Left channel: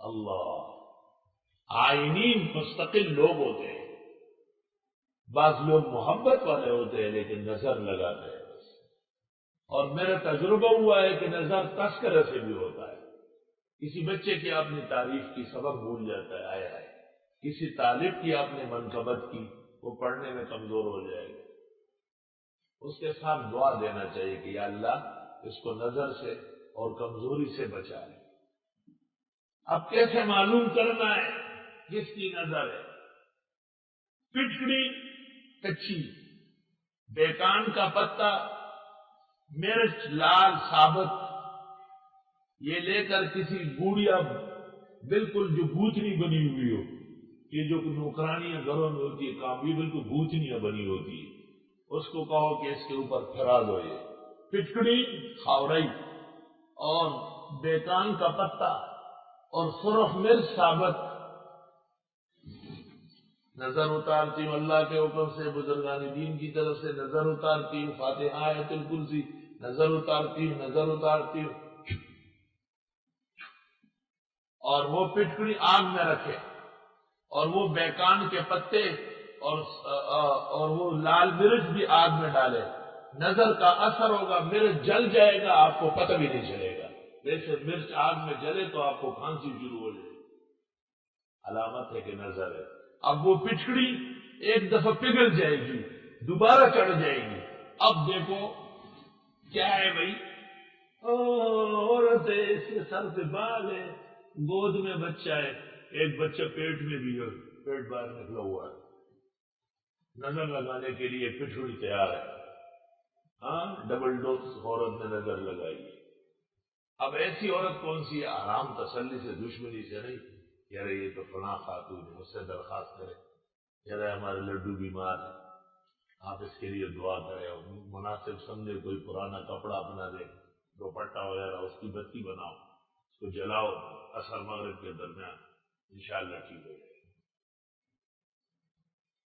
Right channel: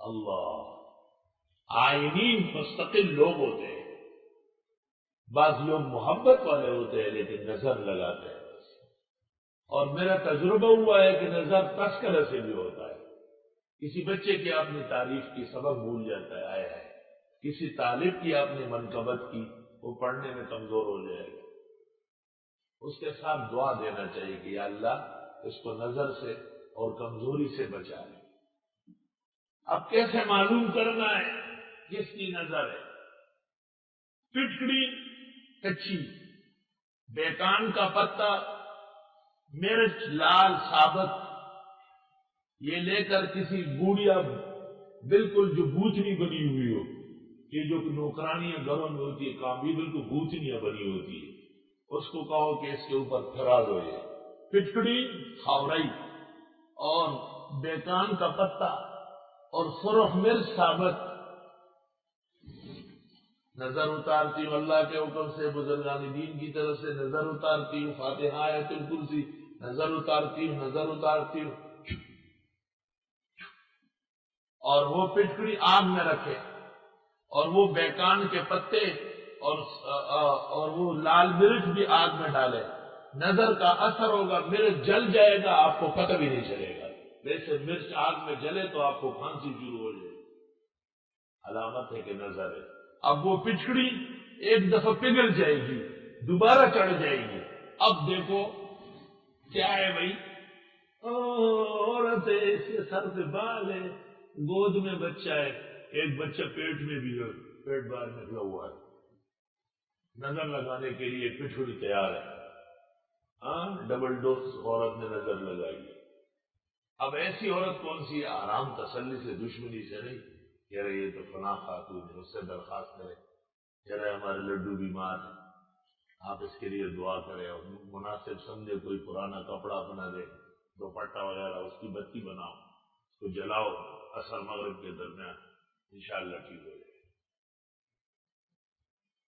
اللہ آئینین مستقل لوگ ہوتے ہیں، بعض لوگ محبت والے ہوتے ہیں لیکن نظر لگاتے ہیں بس۔ اور میرا تجربہ ہوا ہے کہ نظر تذکرہ سے بھی ہوتا ہے۔ کسی بچے کی آپ نے تعریف کی، سبق بھول جاتا ہے، آئے آئے۔ کسی طالب کی آپ نے منقبت کی، وہ پڑھنے میں کمزور ہو جائے گا۔ اس کے ساتھ دعا دینا چاہیے کہ یا اللہ اس کو نظر سے اور کمزوری سے بچا لے۔ اب کیسے معلوم کرنا ہے کس کی نظر ہے؟ پٹکڑی کچی، بیکان کا پتا، مرچ لال ثابت، یہ لے کر کسی گوڑیا بالکل جو بھوتنی بنی ہوئی ہو، یہ جو نوکرانیاں گھروں میں ہوتی ہے کام، یہ بالکل بھوتنیاں بنی ہوتی ہے، اس کو کہو کہ اس کے اوپر پھرا دو یہ پٹکڑی خاورئی اور بیکان کا پتا اور سرخ مرچ ثابت۔ نظر اتارتی ہوں اللہ کے حکم سے، بزرگان دین کی طرف سے نظر اتارتی ہوں، فاتحہ آیت الکرسی نظر اتارتی ہوں، نظر اتارتی ہوں، اور وہ پٹکڑی آگ میں رکھے اور وہ بیکان کے پتے اور وہ لال مرچ بھی آگ میں ڈالے، نظر کا اثر ہوگا، مرچ جل جائے گا، آپ کو پتہ بھی نہیں چلے گا۔ ویسے مرچ آگ میں جلے تو آپ کو کھانسی شروع ہو جائے گی، علامت ہے کہ نظر ہے۔ اب وہ پچکڑی ایک دفعہ پگھل جائے گی، دوبارہ چڑھ جائے گی۔ اب دیکھو کیا ہے بھائی، عورت ہے، اس کے سر پہ بال ہے، گود میں بچہ ہے، ایک بچہ پیٹ میں بھی ہے، پیٹ باہر نکلا ہوا ہے، نظر لگانے کے لیے پٹکڑی تیار ہے۔ ہاں ڈبل ڈوز عورت نے نظر لگائی۔ اب ایسی عورت کون سی ہے؟ آرام تسلی سے، دشمنی سے نہیں، کہہ رہے یہ تو فلاں خاتون ہے، اس سے درخواست کرے، کہہ رہے ہمارے لڈو بیمار ہے، آپ اس کے لیے دعا کریں، مناسب سمجھے کوئی پرانا کپڑا اپنا دے، دوپٹہ وغیرہ، اس کی بتی بناؤ، اس کو جلاؤ عصر مغرب کے درمیان، انشاءاللہ ٹھیک ہو جائے۔